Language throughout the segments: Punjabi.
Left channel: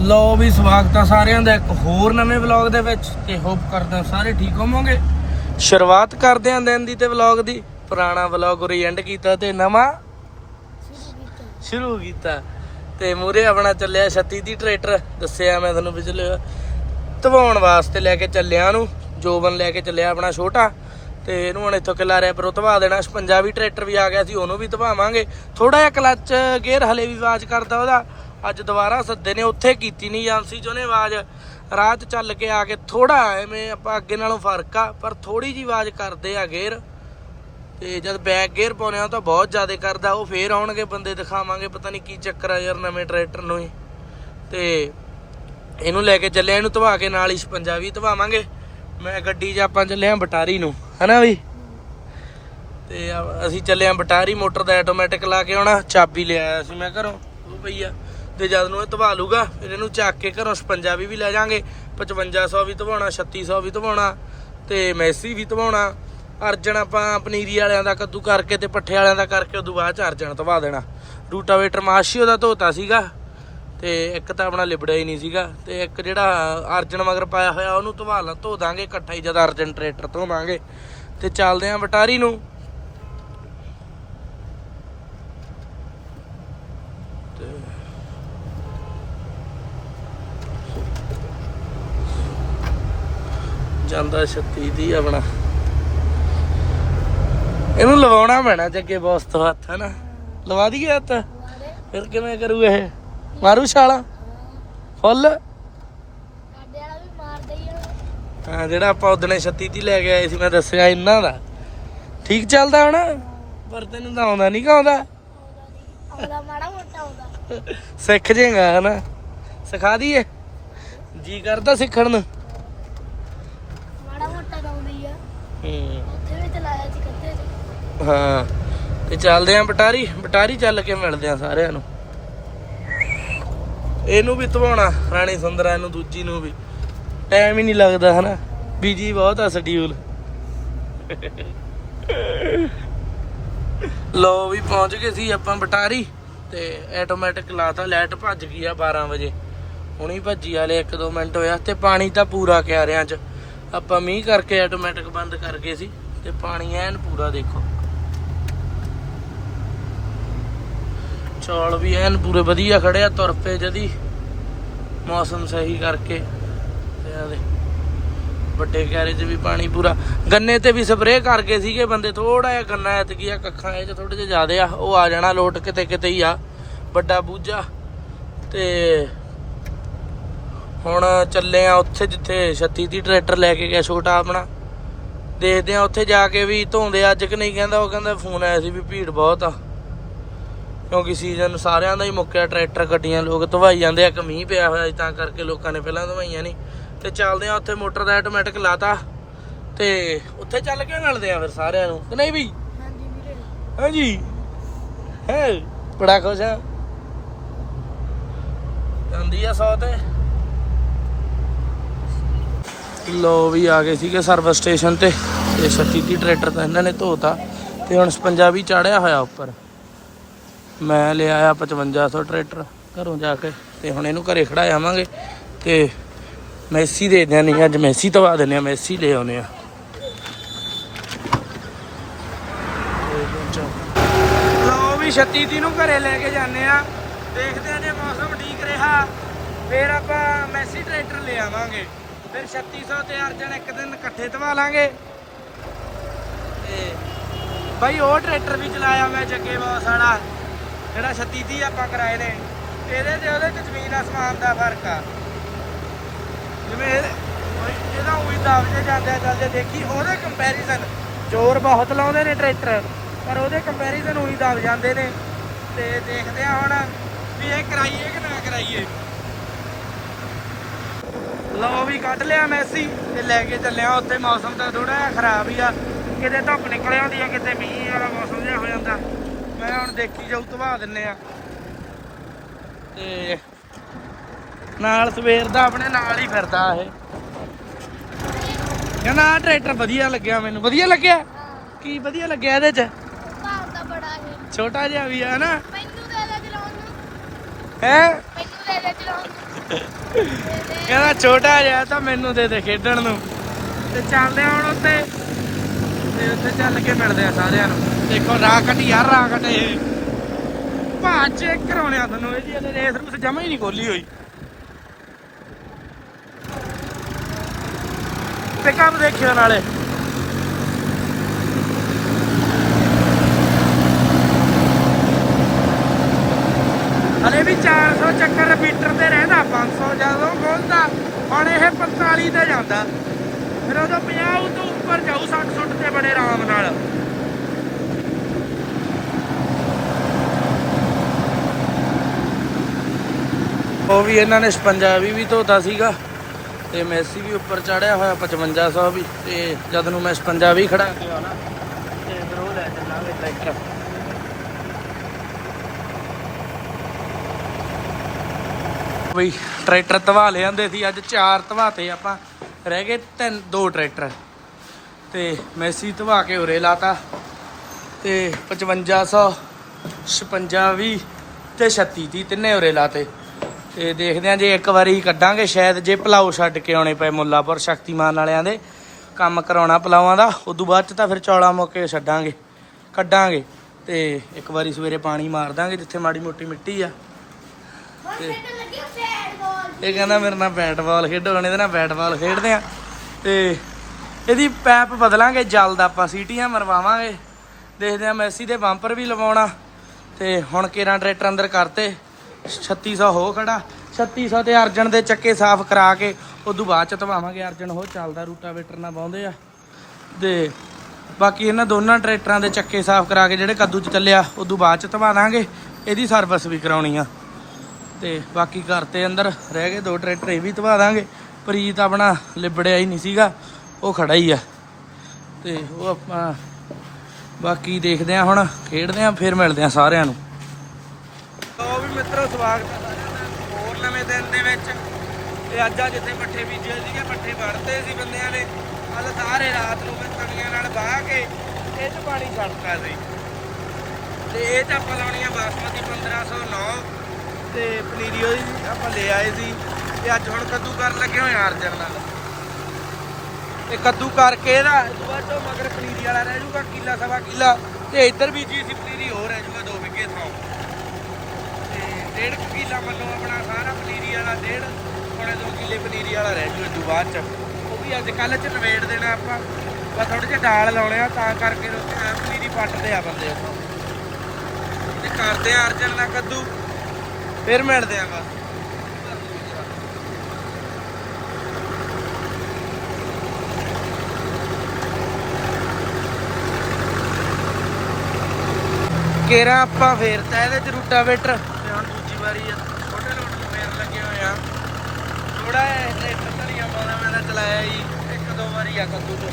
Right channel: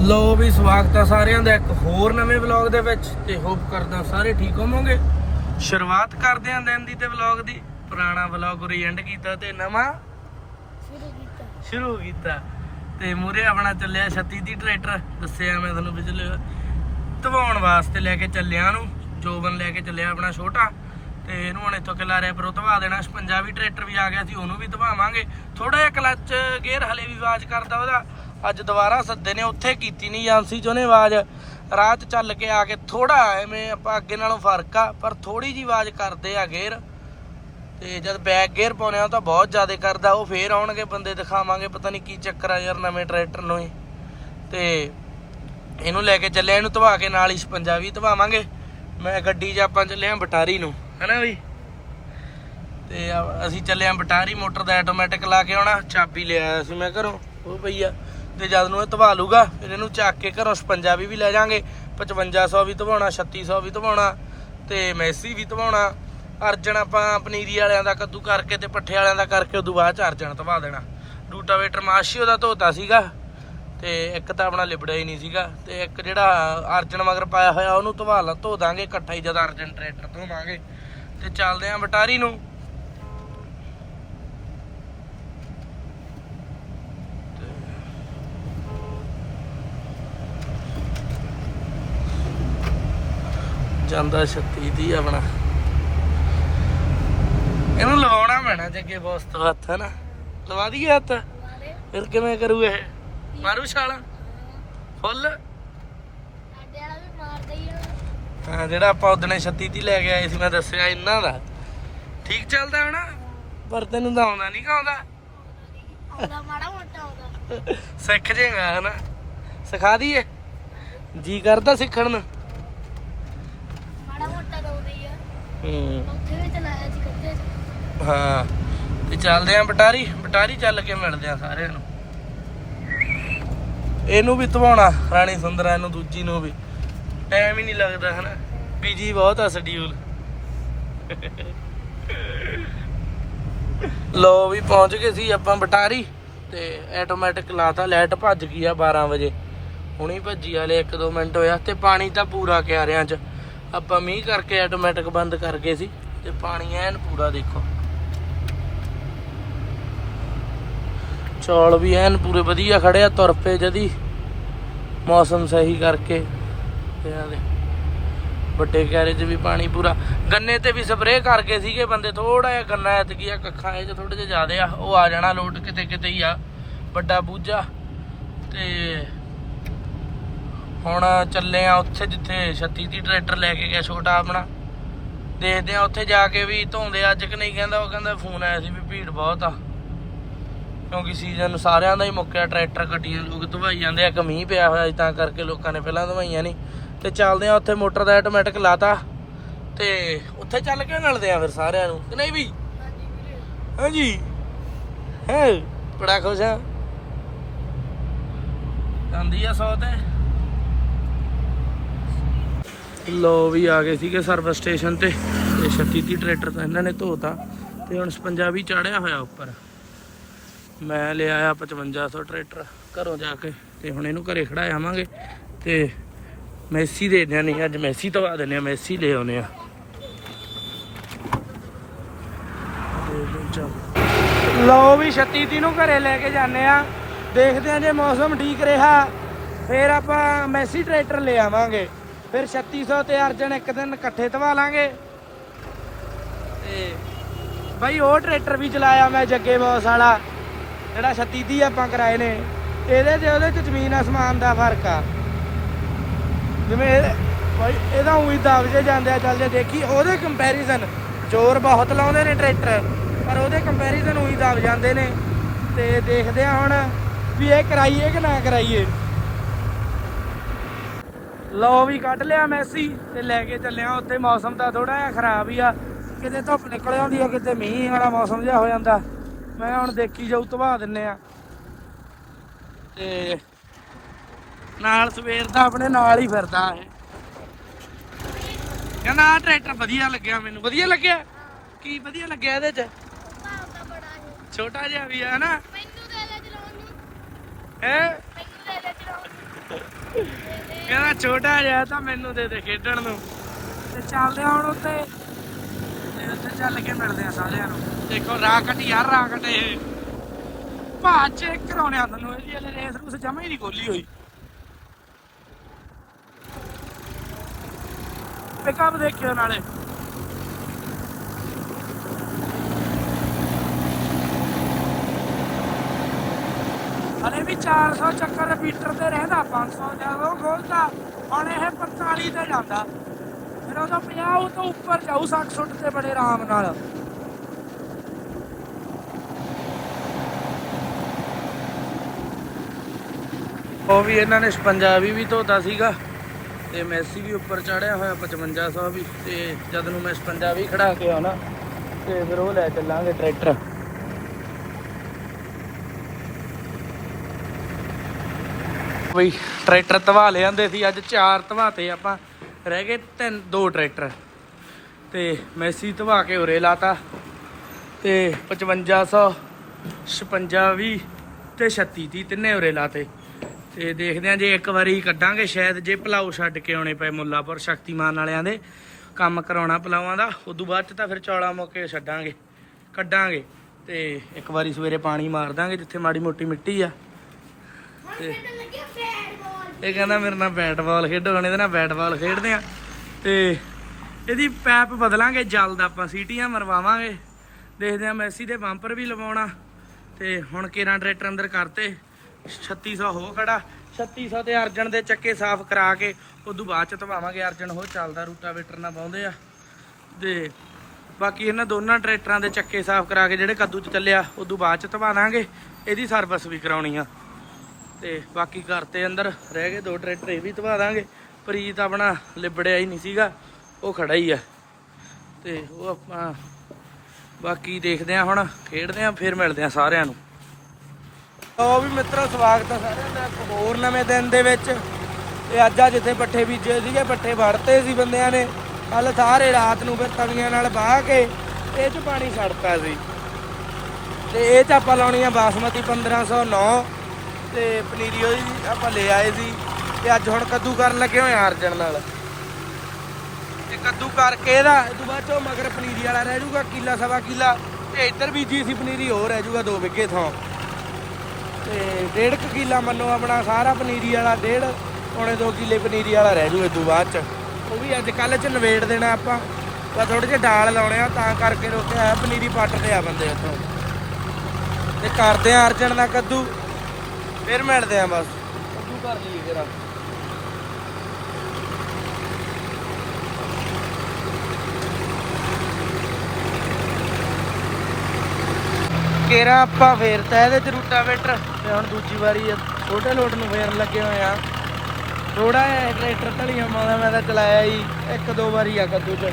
ਲੋ ਵੀ ਸਵਾਗਤ ਆ ਸਾਰਿਆਂ ਦਾ ਇੱਕ ਹੋਰ ਨਵੇਂ ਵਲੌਗ ਦੇ ਵਿੱਚ ਤੇ ਹੋਪ ਕਰਦੇ ਸਾਰੇ ਠੀਕ ਹੋਵੋਗੇ। ਸ਼ੁਰੂਆਤ ਕਰਦੇ ਆਂ ਦਿਨ ਦੀ ਤੇ ਵਲੌਗ ਦੀ। ਪੁਰਾਣਾ ਵਲੌਗ ਉਰੇ ਐਂਡ ਕੀਤਾ ਤੇ ਨਵਾਂ ਸ਼ੁਰੂ ਕੀਤਾ। ਤੇ ਮੂਰੇ ਆਪਣਾ ਚੱਲਿਆ 36 ਦੀ ਟਰੈਕਟਰ। ਦੱਸਿਆ ਮੈਂ ਤੁਹਾਨੂੰ ਪਿਛਲੇ ਧਵਾਉਣ ਵਾਸਤੇ ਲੈ ਕੇ ਚੱਲਿਆ ਨੂੰ ਜੋਬਨ ਲੈ ਕੇ ਚੱਲਿਆ ਆਪਣਾ ਛੋਟਾ। ਤੇ ਇਹਨੂੰ ਹੁਣ ਇੱਥੋਂ ਕਿਲਾ ਰਿਆ ਪਰ ਉਹ ਧਵਾ ਦੇਣਾ। ਪੰਜਾਬੀ ਟਰੈਕਟਰ ਵੀ ਆ ਗਿਆ ਸੀ ਉਹਨੂੰ ਵੀ ਧਵਾਵਾਂਗੇ। ਥੋੜਾ ਜਿਹਾ ਕਲੱਚ ਗੇਅਰ ਹਲੇ ਵੀ ਆਵਾਜ਼ ਕਰਦਾ ਉਹਦਾ। ਅੱਜ ਦੁਬਾਰਾ ਸੱਦੇ ਨੇ, ਉੱਥੇ ਕੀਤੀ ਨਹੀਂ ਜਾਂਸੀ ਚ ਉਹਨੇ ਆਵਾਜ਼। ਰਾਹ 'ਚ ਚੱਲ ਕੇ ਆ ਕੇ ਥੋੜਾ ਐਵੇਂ ਆਪਾਂ ਅੱਗੇ ਨਾਲੋਂ ਫ਼ਰਕ ਆ, ਪਰ ਥੋੜੀ ਜੀ ਆਵਾਜ਼ ਕਰਦੇ ਆ ਗੇਅਰ। ਤੇ ਜਦ ਬੈਕ ਗੇਅਰ ਪਾਉਣੇ ਆ ਤਾਂ ਬਹੁਤ ਜ਼ਿਆਦਾ ਕਰਦਾ, ਉਹ ਫੇਰ ਆਉਣਗੇ, ਬੰਦੇ ਦਿਖਾਵਾਂਗੇ, ਪਤਾ ਨਹੀਂ ਕੀ ਚੱਕਰ ਆ ਯਾਰ, ਨਵੇਂ ਟਰੈਕਟਰ ਨੂੰ ਹੀ। ਤੇ ਇਹਨੂੰ ਲੈ ਕੇ ਚੱਲੇ ਇਹਨੂੰ ਧਵਾ ਕੇ ਨਾਲ ਹੀ 56 ਵੀ ਧਵਾਵਾਂਗੇ। ਮੈਂ ਗੱਡੀ 'ਚ ਆਪਾਂ ਚੱਲੇ ਆ ਬਟਾਰੀ ਨੂੰ, ਹਨਾ ਵੀ? ਤੇ ਅਸੀਂ ਚੱਲੇ ਆ ਬਟਾਰੀ, ਮੋਟਰ ਦਾ ਆਟੋਮੈਟਿਕ ਲਾ ਕੇ ਆਉਣਾ, ਚਾਬੀ ਲੈ ਆਇਆ ਸੀ ਮੈਂ ਘਰੋਂ, ਉਹ ਪਈ ਆ। ਤੇ ਜਦ ਨੂੰ ਇਹ ਧਵਾ ਲੂਗਾ ਇਹਨੂੰ ਚੱਕ ਕੇ ਘਰੋਂ 56 ਵੀ ਵੀ ਲੈ ਜਾਾਂਗੇ। 5500 ਵੀ ਧਵਾਉਣਾ 3600 ਵੀ ਧਵਾਉਣਾ, ਤੇ ਮੈਸੀ ਵੀ ਧਵਾਉਣਾ। ਅਰਜਨ ਆਪਾਂ ਪਨੀਰੀ ਵਾਲਿਆਂ ਦਾ ਕੱਦੂ ਕਰਕੇ ਤੇ ਪੱਠੇ ਵਾਲਿਆਂ ਦਾ ਕਰਕੇ ਉਦੋਂ ਬਾਅਦ ਚ ਅਰਜਨ ਧਵਾ ਦੇਣਾ। ਰੂਟਾਵੇਟਰ ਮਾਸ਼ੀਓ ਦਾ ਧੋਤਾ ਸੀਗਾ, ਤੇ ਇੱਕ ਤਾਂ ਆਪਣਾ ਲਿਬੜਿਆ ਹੀ ਨਹੀਂ ਸੀਗਾ, ਤੇ ਇੱਕ ਜਿਹੜਾ ਅਰਜਨ ਮਗਰ ਪਾਇਆ ਹੋਇਆ ਉਹਨੂੰ ਧਵਾ ਲਾ ਧੋ ਦਾਂਗੇ, ਇਕੱਠਾ ਹੀ ਜਦ ਅਰਜਨ ਟਰੈਕਟਰ ਧੋਵਾਂਗੇ। ਤੇ ਚੱਲਦੇ ਆਂ ਬਟਾਰੀ ਨੂੰ ਤੇ ਜਾਂਦਾ ਛੱਤੀ ਦੀ ਆਪਣਾ। ਇਹਨੂੰ ਲਵਾਉਣਾ ਪੈਣਾ ਜੱਗੇ ਬੌਸ ਤੋਂ ਹੱਥ ਹਨਾ ਲਵਾ ਦਈਏ ਹੱਥ। ਫਿਰ ਕਿਵੇਂ ਕਰੂ ਇਹ? ਮਾਰੂ ਛਾਲਾ? ਫੁੱਲ? ਹਾਂ, ਜਿਹੜਾ ਆਪਾਂ ਉਦਣੇ 36 ਦੀ ਲੈ ਕੇ ਆਏ ਸੀ, ਮੈਂ ਦੱਸਿਆ ਇਹਨਾਂ ਦਾ। ਠੀਕ ਚੱਲਦਾ ਹੁਣ? ਪਰ ਤੈਨੂੰ ਤਾਂ ਆਉਂਦਾ ਨਹੀਂ ਆਉਂਦਾ ਸਿੱਖ ਜੇਗਾ ਹਨਾ ਸਿਖਾ ਦਈਏ। ਜੀ ਕਰਦਾ ਸਿੱਖਣ ਨੂੰ। ਹੂੰ। ਹਾਂ। ਤੇ ਚੱਲਦੇ ਆਂ ਬਟਾਰੀ। ਬਟਾਰੀ ਚੱਲ ਕੇ ਮਿਲਦੇ ਆਂ ਸਾਰਿਆਂ ਨੂੰ। ਇਹਨੂੰ ਵੀ ਧਵਾਉਣਾ, ਰਾਣੀ ਸੁੰਦਰਾ ਨੂੰ, ਦੂਜੀ ਨੂੰ ਵੀ। ਟਾਈਮ ਹੀ ਨਹੀਂ ਲੱਗਦਾ, ਹਨਾ? ਬੀਜੀ ਬਹੁਤ ਆ ਸ਼ਡਿਊਲ ਲੋ ਵੀ ਪਹੁੰਚ ਗਏ ਸੀ ਆਪਾਂ ਬਟਾਰੀ। ਤੇ ਆਟੋਮੈਟਿਕ ਲਾਤਾ ਲਾਈਟ ਭੱਜ ਗਈ ਆ 12 ਵਜੇ। ਹੁਣੀ ਭੱਜੀ ਵਾਲੇ 1-2 ਮਿੰਟ ਹੋਇਆ। ਤੇ ਪਾਣੀ ਤਾਂ ਪੂਰਾ ਕਿਆਰਿਆਂ 'ਚ। ਆਪਾਂ ਮੀਂਹ ਕਰਕੇ ਆਟੋਮੈਟਿਕ ਬੰਦ ਕਰ ਗਏ ਸੀ ਤੇ ਪਾਣੀ ਐਨ ਪੂਰਾ ਦੇਖੋ। ਚੌਲ ਵੀ ਐਨ ਪੂਰੇ ਵਧੀਆ ਖੜੇ ਆ, ਤੁਰ ਪਏ ਜਦੀ। ਮੌਸਮ ਸਹੀ ਕਰਕੇ। ਤੇ ਆ ਦੇ ਵੱਡੇ ਕਿਆਰੇ 'ਚ ਵੀ ਪਾਣੀ ਪੂਰਾ। ਗੰਨੇ ਤੇ ਵੀ ਸਪਰੇਅ ਕਰਕੇ ਸੀਗੇ ਬੰਦੇ ਥੋੜਾ ਜਿਹਾ ਗੰਨਾ ਐਤਕੀ ਆ, ਕੱਖਾਂ ਇਹ 'ਚ ਥੋੜੇ ਜਿਹਾ ਜ਼ਿਆਦਾ ਆ, ਉਹ ਆ ਜਾਣਾ ਲੋਟ ਕਿਤੇ ਕਿਤੇ ਹੀ ਆ। ਵੱਡਾ ਬੂਝਾ। ਤੇ ਹੁਣ ਚੱਲੇ ਆ ਉੱਥੇ ਜਿੱਥੇ 36 ਦੀ ਟਰੈਕਟਰ ਲੈ ਕੇ ਗਿਆ ਛੋਟਾ ਆਪਣਾ। ਦੇਖਦੇ ਆ ਉੱਥੇ ਜਾ ਕੇ ਵੀ ਧੋਂਦੇ ਅੱਜ ਕਿ ਨਹੀਂ ਕਹਿੰਦਾ, ਉਹ ਕਹਿੰਦਾ ਫੋਨ ਆਇਆ ਸੀ ਵੀ ਭੀੜ ਬਹੁਤ ਆ। ਕਿਉਂਕਿ ਸੀਜ਼ਨ ਸਾਰਿਆਂ ਦਾ ਹੀ ਮੁੱਕਿਆ, ਟਰੈਕਟਰ, ਗੱਡੀਆਂ, ਲੋਕ ਧਵਾਈ ਜਾਂਦੇ ਆ, ਇੱਕ ਮੀਂਹ ਪਿਆ ਹੋਇਆ ਸੀ, ਤਾਂ ਕਰਕੇ ਲੋਕਾਂ ਨੇ ਪਹਿਲਾਂ ਧਵਾਈਆਂ ਨਹੀਂ ਤੇ ਚੱਲਦੇ ਆ ਉੱਥੇ ਮੋਟਰ ਦਾ ਆਟੋਮੈਟਿਕ ਲਾਤਾ। ਤੇ ਉੱਥੇ ਚੱਲ ਕੇ ਮਿਲਦੇ ਆ ਫਿਰ ਸਾਰਿਆਂ ਨੂੰ, ਕਿ ਨਹੀਂ ਵੀ? ਹਾਂਜੀ ਹੈ? ਬੜਾ ਖੁਸ਼ ਆ। ਜਾਂਦੀ ਆ 100 ਤੇ। ਲੋ ਵੀ ਆ ਗਏ ਸੀਗੇ ਸਰਵਿਸ ਸਟੇਸ਼ਨ ਤੇ। ਤੇ 36 ਦੀ ਟਰੈਕਟਰ ਤਾਂ ਇਹਨਾਂ ਨੇ ਧੋਤਾ ਤੇ ਹੁਣ 56 ਵੀ ਚਾੜਿਆ ਹੋਇਆ ਉੱਪਰ। ਮੈਂ ਲਿਆ ਆ 5500 ਟਰੈਕਟਰ ਘਰੋਂ ਜਾ ਕੇ ਤੇ ਹੁਣ ਇਹਨੂੰ ਘਰੇ ਖੜਾ ਆਵਾਂਗੇ ਤੇ ਮੈਸੀ ਦੇ ਦਿਆਂ ਨਹੀਂ ਅੱਜ ਮੈਸੀ ਧਵਾ ਦਿੰਦੇ ਆ, ਮੈਸੀ ਲੈ ਆਉਨੇ ਆ। ਲਓ ਵੀ 36 ਦੀ ਨੂੰ ਘਰੇ ਲੈ ਕੇ ਜਾਂਦੇ ਆ। ਦੇਖਦੇ ਆ ਜੇ ਮੌਸਮ ਠੀਕ ਰਿਹਾ, ਫਿਰ ਆਪਾਂ ਮੈਸੀ ਟਰੈਕਟਰ ਲੈ ਆਵਾਂਗੇ। ਫਿਰ 3600 ਤੇ ਅਰਜਨ ਇੱਕ ਦਿਨ ਇਕੱਠੇ ਧਵਾ ਲਾਂਗੇ। ਤੇ ਬਾਈ ਉਹ ਟਰੈਕਟਰ ਵੀ ਚਲਾਇਆ ਮੈਂ, ਜੱਗੇ ਬੌਸ ਵਾਲਾ, ਜਿਹੜਾ 36 ਦੀ ਆਪਾਂ ਕਰਾਏ ਨੇ। ਇਹਦੇ ਤੇ ਉਹਦੇ ਚ ਜ਼ਮੀਨ ਅਸਮਾਨ ਦਾ ਫ਼ਰਕ ਆ। ਜਿਵੇਂ ਬਾਈ ਇਹਦਾ ਉਹੀ ਦਬ ਜੇ ਜਾਂਦੇ ਆ ਜਾਂਦੇ ਦੇਖੀ, ਉਹਦੇ ਕੰਪੈਰੀਜ਼ਨ ਚੋਰ ਬਹੁਤ ਲਾਉਂਦੇ ਨੇ ਟਰੈਕਟਰ, ਪਰ ਉਹਦੇ ਕੰਪੈਰੀਜ਼ਨ ਉਹੀ ਦਬ ਜਾਂਦੇ ਨੇ। ਤੇ ਦੇਖਦੇ ਆ ਹੁਣ ਵੀ ਇਹ ਕਰਾਈਏ ਕਿ ਨਾ ਕਰਾਈਏ। ਲਓ ਵੀ ਕੱਢ ਲਿਆ ਮੈਸੀ ਤੇ ਲੈ ਕੇ ਚੱਲਿਆ ਉੱਥੇ ਮੌਸਮ ਤਾਂ ਥੋੜਾ ਜਿਹਾ ਖਰਾਬ ਹੀ ਆ। ਕਿਤੇ ਧੁੱਪ ਨਿਕਲ ਆਉਂਦੀ ਆ ਕਿਤੇ ਮੀਂਹ ਵਾਲਾ ਮੌਸਮ ਜਿਹਾ ਹੋ ਜਾਂਦਾ। ਮੈਂ ਹੁਣ ਦੇਖੀ ਜਾਊ ਧਵਾ ਦਿੰਨੇ ਆ। ਤੇ ਨਾਲ ਸਵੇਰ ਦਾ ਆਪਣੇ ਨਾਲ ਹੀ ਫਿਰਦਾ ਇਹ। ਕਹਿੰਦਾ ਆਹ ਟਰੈਕਟਰ ਵਧੀਆ ਲੱਗਿਆ ਮੈਨੂੰ। ਵਧੀਆ ਲੱਗਿਆ? ਕੀ ਵਧੀਆ ਲੱਗਿਆ ਇਹਦੇ ਚ? ਛੋਟਾ ਜਿਹਾ ਵੀ ਆ ਨਾ? ਮੈਨੂੰ ਦੇ ਦੇ ਚਲਾਉਣ ਨੂੰ। ਹੈ? ਮੈਨੂੰ ਦੇ ਦੇ ਚਲਾਉਣ ਨੂੰ। ਕਹਿੰਦਾ ਛੋਟਾ ਜਿਹਾ ਤਾਂ ਮੈਨੂੰ ਦੇ ਦੇ ਖੇਡਣ ਨੂੰ। ਤੇ ਚੱਲਦੇ ਹੁਣ ਉੱਤੇ ਤੇ ਉੱਥੇ ਚੱਲ ਕੇ ਮਿਲਦੇ ਆ ਸਾਰਿਆਂ ਨੂੰ। ਦੇਖੋ ਰਾਹ ਕੱਟੀ ਯਾਰ ਰਾਹ ਕੱਟੇ ਇਹ। ਭਾ ਚੈੱਕ ਕਰਾਉਣੇ ਆ ਤੁਹਾਨੂੰ ਇਹ ਜੀ ਹਲੇ ਰੇਸ ਰੂਸ ਜਮਾ ਹੀ ਨਹੀਂ ਖੋਲੀ ਹੋਈ। ਤੇ ਕੰਮ ਦੇਖਿਓ ਨਾਲੇ। ਹਲੇ ਵੀ 400 ਚੱਕਰ ਮੀਟਰ ਤੇ ਰਹਿੰਦਾ 500 ਜਦੋਂ ਖੋਲਦਾ, ਹੁਣ ਇਹ 45 ਤੇ ਜਾਂਦਾ। ਫਿਰ ਉਦੋਂ 50 ਤੋਂ ਉੱਪਰ ਜਾਊ 60 ਸੁੱਟ ਤੇ ਬੜੇ ਆਰਾਮ ਨਾਲ। ਉਹ ਵੀ ਇਹਨਾਂ ਨੇ 56 ਵੀ ਧੋਤਾ ਸੀਗਾ, ਤੇ ਮੈਸੀ ਵੀ ਉੱਪਰ ਚੜਿਆ ਹੋਇਆ 5500 ਵੀ, ਤੇ ਜਦ ਨੂੰ ਮੈਂ 56 ਵੀ ਖੜਾ ਕੇ ਆਣਾ ਤੇ ਫਿਰ ਉਹ ਲੈ ਚੱਲਾਂਗੇ ਟਰੈਕਟਰ। ਬਈ ਟਰੈਕਟਰ ਧਵਾ ਲਿਆਂਦੇ ਸੀ, ਅੱਜ ਚਾਰ ਧਵਾਤੇ ਆਪਾਂ। ਰਹਿ ਗਏ ਤਿੰਨ, ਦੋ ਟਰੈਕਟਰ। ਤੇ ਮੈਸੀ ਧਵਾ ਕੇ ਉਰੇ ਲਾਤਾ। ਤੇ 5500 56 ਵੀ ਤੇ 36 ਦੀ ਤਿੰਨੇ ਉਰੇ ਲਾਤੇ। ਤੇ ਦੇਖਦੇ ਆਂ ਜੇ ਇੱਕ ਵਾਰੀ ਕੱਢਾਂਗੇ, ਸ਼ਾਇਦ ਜੇ ਪਲਾਉ ਛੱਡ ਕੇ ਆਉਣੇ ਪਏ ਮੁੱਲਾਪੁਰ ਸ਼ਕਤੀਮਾਨ ਵਾਲਿਆਂ ਦੇ, ਕੰਮ ਕਰਾਉਣਾ ਪਲਾਵਾਂ ਦਾ, ਉਦੋਂ ਬਾਅਦ ਚ ਤਾਂ ਫਿਰ ਚੌਲਾ ਮੌਕੇ ਛੱਡਾਂਗੇ, ਕੱਢਾਂਗੇ। ਤੇ ਇੱਕ ਵਾਰੀ ਸਵੇਰੇ ਪਾਣੀ ਮਾਰ ਦਾਂਗੇ, ਜਿੱਥੇ ਮਾੜੀ ਮੋਟੀ ਮਿੱਟੀ ਆ। ਤੇ ਇਹ ਕਹਿੰਦਾ ਮੇਰੇ ਨਾਲ ਬੈਟ ਬਾਲ ਖੇਡੋ ਇਹਦੇ ਨਾਲ ਬੈਟ ਬਾਲ ਖੇਡਦੇ ਆ। ਤੇ ਇਹਦੀ ਪੈਪ ਬਦਲਾਂਗੇ ਜਲਦ ਆਪਾਂ ਸੀਟੀਆਂ ਮਰਵਾਵਾਂਗੇ। ਦੇਖਦੇ ਆ ਮੈਸੀ ਦੇ ਬੰਪਰ ਵੀ ਲਵਾਉਣਾ। ਤੇ ਹੁਣ ਕੇਰਾਂ ਟਰੈਕਟਰ ਅੰਦਰ ਕਰਤੇ। 3600 ਹੋ ਖੜਾ। 3600 ਤੇ ਅਰਜਨ ਦੇ ਚੱਕੇ ਸਾਫ਼ ਕਰਾ ਕੇ, ਉਦੋਂ ਬਾਅਦ ਚ ਧਵਾਵਾਂਗੇ ਅਰਜਨ। ਹੋ ਚੱਲਦਾ ਰੂਟਾਵੇਟਰ ਨਾਲ ਬਾਉਂਦੇ ਆ। ਤੇ ਬਾਕੀ ਇਹਨਾਂ ਦੋਨਾਂ ਟਰੈਕਟਰਾਂ ਦੇ ਚੱਕੇ ਸਾਫ਼ ਕਰਾ ਕੇ, ਜਿਹੜੇ ਕੱਦੂ ਚ ਚੱਲਿਆ, ਉਦੋਂ ਬਾਅਦ ਚ ਧਵਾ ਦਾਂਗੇ ਇਹਦੀ ਸਰਵਿਸ ਵੀ ਕਰਾਉਣੀ ਆ। ਤੇ ਬਾਕੀ ਘਰ ਤੇ ਅੰਦਰ ਰਹਿ ਗਏ, ਦੋ ਟਰੈਕਟਰ ਇਹ ਵੀ ਧਵਾ ਦਾਂਗੇ। ਪ੍ਰੀਤ ਆਪਣਾ ਲਿਬੜਿਆ ਹੀ ਨਹੀਂ ਸੀਗਾ, ਉਹ ਖੜਾ ਹੀ ਆ। ਤੇ ਉਹ ਆਪਾਂ ਬਾਕੀ ਦੇਖਦੇ ਆ ਹੁਣ, ਖੇਡਦੇ ਆ ਫਿਰ ਮਿਲਦੇ ਆ ਸਾਰਿਆਂ ਨੂੰ। ਉਹ ਵੀ ਮਿੱਤਰੋ, ਸਵਾਗਤ ਹੋਰ ਨਵੇਂ ਦਿਨ ਦੇ ਵਿੱਚ। ਤੇ ਅੱਜ ਆ ਜਿੱਥੇ ਪੱਠੇ ਬੀਜੇ ਸੀਗੇ, ਪੱਠੇ ਵੜਤੇ ਸੀ ਬੰਦਿਆਂ ਨੇ। ਕੱਲ ਸਾਰੇ ਰਾਤ ਨੂੰ ਫਿਰ ਤਵੀਆਂ ਨਾਲ ਖਾ ਕੇ ਇਹ ਚ ਪਾਣੀ ਛਿੜਕਾ ਸੀ। ਤੇ ਇਹ ਚ ਆਪਾਂ ਲਾਉਣੀ ਆ ਬਾਸਮਤੀ 1509 ਤੇ ਪਨੀਰੀ ਉਹਦੀ ਆਪਾਂ ਲੈ ਆਏ ਸੀ ਤੇ ਅੱਜ ਹੁਣ ਕੱਦੂ ਕਰਨ ਲੱਗੇ ਹੋਏ ਆ ਅਰਜਨ ਨਾਲ। ਤੇ ਕੱਦੂ ਕਰਕੇ ਇਹਦਾ ਜੋ ਮਗਰ ਪਨੀਰੀ ਵਾਲਾ ਰਹਿ ਜੂਗਾ ਕਿੱਲਾ ਸਵਾ ਕਿੱਲਾ ਤੇ ਇੱਧਰ ਬੀਜੀ ਸੀ ਪਨੀਰੀ ਹੋਰ ਰਹਿ ਜੂਗਾ 2 ਵਿਗੇ ਥਾਂ। ਤੇ ਡੇਢ ਕੁ ਕਿੱਲਾ ਮੰਨੋ ਆਪਣਾ ਸਾਰਾ ਪਨੀਰੀ ਵਾਲਾ, ਡੇਢ ਪੌਣੇ 2 ਕਿੱਲੇ ਪਨੀਰੀ ਵਾਲਾ ਰਹਿ ਜੂ ਇਦੋਂ ਬਾਅਦ ਚ। ਵੀ ਅੱਜ ਕੱਲ ਚ ਨਵੇੜ ਦੇਣਾ ਆਪਾਂ। ਬਸ ਥੋੜੇ ਜਿਹੇ ਦਾਲ ਲਾਉਣੇ ਆ, ਤਾਂ ਕਰਕੇ ਰੋਕਿਆ ਆ ਪਨੀਰੀ ਪੱਟਦੇ ਆ ਬੰਦੇ। ਤੇ ਕਰਦੇ ਆ ਅਰਜਨ ਦਾ ਕੱਦੂ। ਫਿਰ ਮਿਲਦੇ ਆ ਬਸ। ਕੇਰਾ ਆਪਾਂ ਫੇਰਤਾ ਇਹਦੇ ਚ ਰੂਟਾਵੇਟਰ ਤੇ ਹੁਣ ਦੂਜੀ ਵਾਰੀ ਛੋਟੇ ਲੋਡ ਨੂੰ ਫੇਰਨ ਲੱਗੇ ਹੋਏ ਆ। ਥੋੜਾ ਜਿਹਾ ਇੱਕ ਮੈਂ ਤਾਂ ਚਲਾਇਆ ਹੀ ਇੱਕ ਦੋ ਵਾਰੀ ਆ ਕੱਦੂ ਤੇ।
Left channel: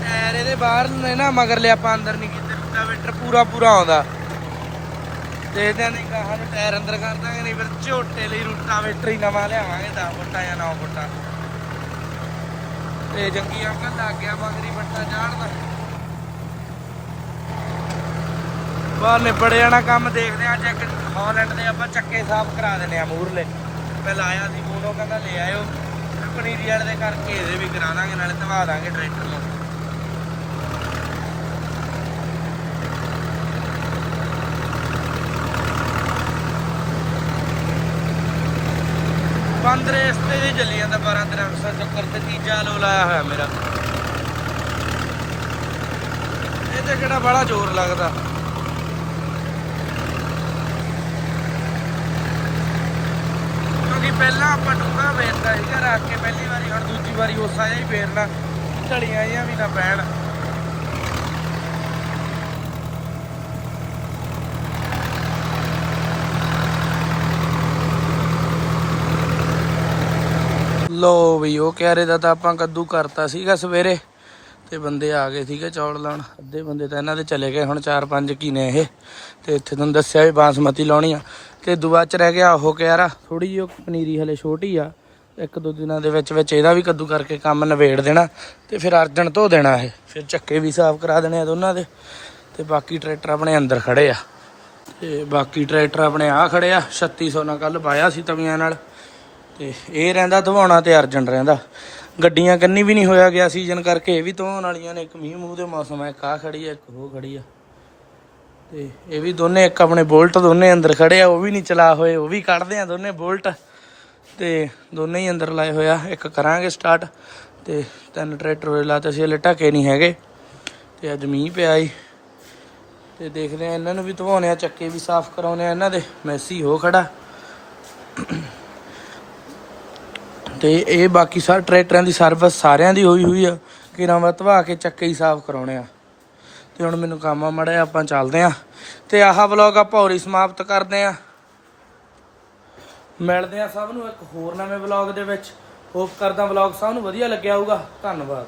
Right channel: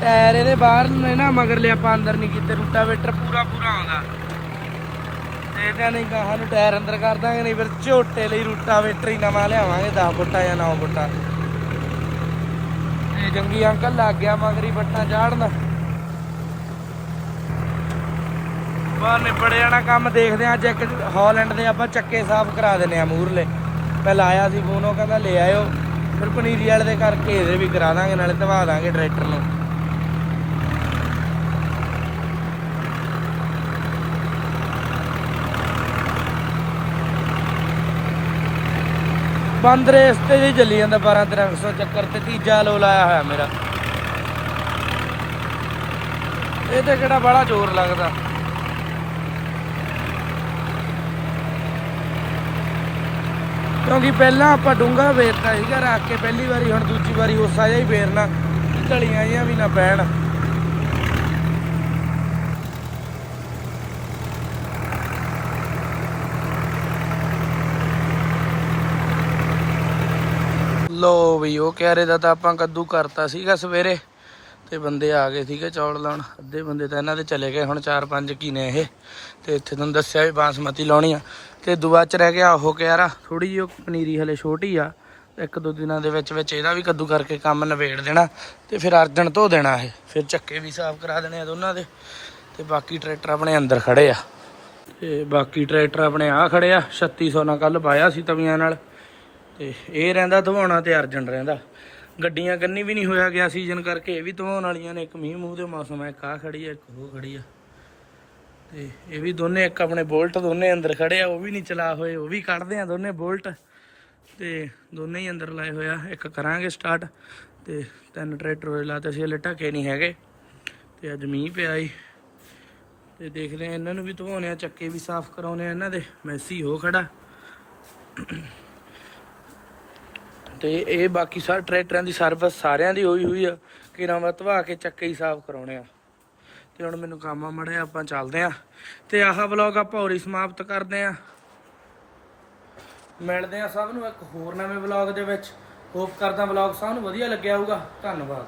ਟਾਇਰ ਇਹਦੇ ਬਾਹਰ ਨੇ ਨਾ ਮਗਰ ਲਿਆ ਆਪਾਂ ਅੰਦਰ ਨਹੀਂ ਕੀਤੇ, ਰੂਟਾਵੇਟਰ ਪੂਰਾ ਪੂਰਾ ਆਉਂਦਾ। ਤੇ ਇਹਦਾ ਨਹੀਂ ਟਾਇਰ ਅੰਦਰ ਕਰ ਦਾਂਗੇ, ਨਹੀਂ ਫਿਰ ਝੋਟੇ ਲਈ ਰੂਟਾਵੇਟਰ ਹੀ ਨਵਾਂ ਲਿਆਵਾਂਗੇ 10 ਫੁੱਟਾ ਜਾਂ 9 ਫੁੱਟਾ ਤੇ ਜੰਗੀ ਅੰਕਲ ਲੱਗ ਗਿਆ ਮਗਰੀ ਫੱਟਾ ਚਾੜਨ। ਬਾਹਰ ਨਿਬੜ ਜਾਣਾ ਕੰਮ ਦੇਖਦੇ ਆ ਅੱਜ ਇੱਕ ਹਾਲੈਂਡ ਦੇ ਆਪਾਂ ਚੱਕੇ ਸਾਫ਼ ਕਰਾ ਦੇਣੇ ਆ ਪੂਰੇ ਪਹਿਲਾਂ ਆਇਆ ਸੀ ਫੋਨ, ਉਹ ਕਹਿੰਦਾ ਲੈ ਆਇਓ। ਫਿਰ ਪਨੀਰੀ ਵਾਲੇ ਦੇ ਕਰਕੇ ਇਹਦੇ ਵੀ ਕਰਾ ਦਾਂਗੇ, ਨਾਲੇ ਧਵਾ ਦਾਂਗੇ ਟਰੈਕਟਰ ਨੂੰ। ਬੰਦ ਰਸਤੇ ਦੀ ਚੱਲੀ ਜਾਂਦਾ 12 1300 ਚੱਕਰ ਤੇ ਤੀਜਾ ਲੋ ਲਾਇਆ ਹੋਇਆ ਮੇਰਾ। ਇਹ ਤੇ ਕਿਹੜਾ ਬੜਾ ਜ਼ੋਰ ਲੱਗਦਾ। ਕਿਉਂਕਿ ਪਹਿਲਾਂ ਆਪਾਂ ਡੂੰਗਾ ਵੇਚਦਾ ਸੀਗਾ ਰੱਖ ਕੇ ਪਹਿਲੀ ਵਾਰੀ, ਹੁਣ ਦੂਜੀ ਵਾਰੀ ਉਸਾ ਜਿਹਾ ਹੀ ਫੇਰਨਾ ਢਲੀਆਂ ਜਾਂ ਵੀ ਨਾ ਪੈਣ ਲੋ ਵੀ ਉਹ ਕਿਆਰੇ ਦਾ ਤਾਂ ਆਪਾਂ ਕੱਦੂ ਕਰਤਾ ਸੀਗਾ ਸਵੇਰੇ। ਤੇ ਬੰਦੇ ਆ ਗਏ ਸੀਗੇ ਚੌਲ ਲਾਉਣ। ਅੱਧੇ ਬੰਦੇ ਤਾਂ ਇਹਨਾਂ ਦੇ ਚਲੇ ਗਏ, ਹੁਣ 4-5 ਕੀ ਨੇ ਇਹ। ਤੇ ਇੱਥੇ ਤੁਹਾਨੂੰ ਦੱਸਿਆ ਵੀ ਬਾਸਮਤੀ ਲਾਉਣੀ ਆ। ਤੇ ਦੁਆ ਚ ਰਹਿ ਗਿਆ ਉਹ ਕਿਆਰਾ। ਥੋੜੀ ਜਿਹੀ ਉਹ ਪਨੀਰੀ ਹਲੇ ਛੋਟੀ ਆ। ਇੱਕ ਦੋ ਦਿਨਾਂ ਦੇ ਵਿੱਚ ਵਿੱਚ ਇਹਦਾ ਵੀ ਕੱਦੂ ਕਰਕੇ ਕੰਮ ਨਵੇੜ ਦੇਣਾ। ਤੇ ਫਿਰ ਅਰਜਨ ਧੋ ਦੇਣਾ ਇਹ। ਫਿਰ ਚੱਕੇ ਵੀ ਸਾਫ਼ ਕਰਾ ਦੇਣੇ ਆ ਦੋਨਾਂ ਦੇ। ਤੇ ਬਾਕੀ ਟਰੈਕਟਰ ਆਪਣੇ ਅੰਦਰ ਖੜੇ ਆ। ਤੇ ਬਾਕੀ ਟਰੈਕਟਰ ਆਪਣੇ ਆ ਖੜੇ ਆ। 3600 ਨਾਲ ਕੱਲ ਪਾਇਆ ਸੀ ਤਵੀਆਂ ਨਾਲ। ਤੇ ਇਹ ਰਹਿੰਦਾ, ਧਵਾਉਣਾ ਤੇ ਅਰਜਨ ਰਹਿੰਦਾ। ਗੱਡੀਆਂ ਕੰਨੀ ਵੀ ਨਹੀਂ ਹੋਇਆ ਗਿਆ ਸੀਜ਼ਨ ਕਰਕੇ, ਇਹ ਵੀ ਧਵਾਉਣ ਵਾਲੀਆਂ ਨੇ, ਇੱਕ ਮੀਂਹ ਮੂੰਹ ਦੇ ਮੌਸਮ ਹੈ ਇੱਕ ਆਹ ਖੜੀ ਹੈ ਇੱਕ ਉਹ ਖੜੀ ਆ। ਤੇ ਇਹ ਵੀ ਦੋਨੇ, ਇੱਕ ਆਪਣੇ ਬੋਲਟ ਦੋਨੇ ਅੰਦਰ ਖੜੇ ਆ, ਉਹ ਵੀ ਨਹੀਂ ਚਲਾ ਹੋਏ, ਉਹ ਵੀ ਕੱਢਦੇ ਆ ਦੋਨੇ ਬੋਲਟ। ਤੇ ਦੋਨੇ ਹੀ ਅੰਦਰ ਲਾਏ ਹੋਇਆ ਇੱਕ ਕਰਾਂਗੇ ਸਟਾਰਟ ਤੇ ਤਿੰਨ ਟਰੈਕਟਰ ਹੋਏ ਲਾਤੇ ਸੀ, ਹਲੇ ਢੱਕੇ ਨਹੀਂ ਹੈਗੇ। ਤੇ ਅੱਜ ਮੀਂਹ ਪਿਆ ਈ। ਤੇ ਦੇਖਦੇ ਆ, ਇਹਨਾਂ ਨੂੰ ਵੀ ਧਵਾਉਣੇ ਆ, ਚੱਕੇ ਵੀ ਸਾਫ਼ ਕਰਾਉਣੇ ਆ, ਇਹਨਾਂ ਦੇ ਮੈਸੀ ਹੋ ਖੜਾ। ਤੇ ਇਹ ਬਾਕੀ ਸਾਰੇ ਟਰੈਕਟਰਾਂ ਦੀ ਸਰਵਿਸ ਸਾਰਿਆਂ ਦੀ ਹੋਈ ਹੋਈ ਆ। ਕਿ ਨਵਾਂ ਕੇ ਚੱਕੇ ਹੀ ਸਾਫ਼ ਕਰਾਉਣੇ ਆ। ਤੇ ਹੁਣ ਮੈਨੂੰ ਕੰਮ ਆ ਮੜਿਆ ਆਪਾਂ ਚੱਲਦੇ ਆ। ਤੇ ਆਹ ਵਲੌਗ ਆਪਾਂ ਹੋਰੀ ਸਮਾਪਤ ਕਰਦੇ ਆ। ਮਿਲਦੇ ਆ ਸਭ ਨੂੰ ਇੱਕ ਹੋਰ ਨਵੇਂ ਵਲੌਗ ਦੇ ਵਿੱਚ। ਹੋਪ ਕਰਦਾ ਵਲੌਗ ਸਭ ਨੂੰ ਵਧੀਆ ਲੱਗਿਆ ਹੋਊਗਾ। ਧੰਨਵਾਦ।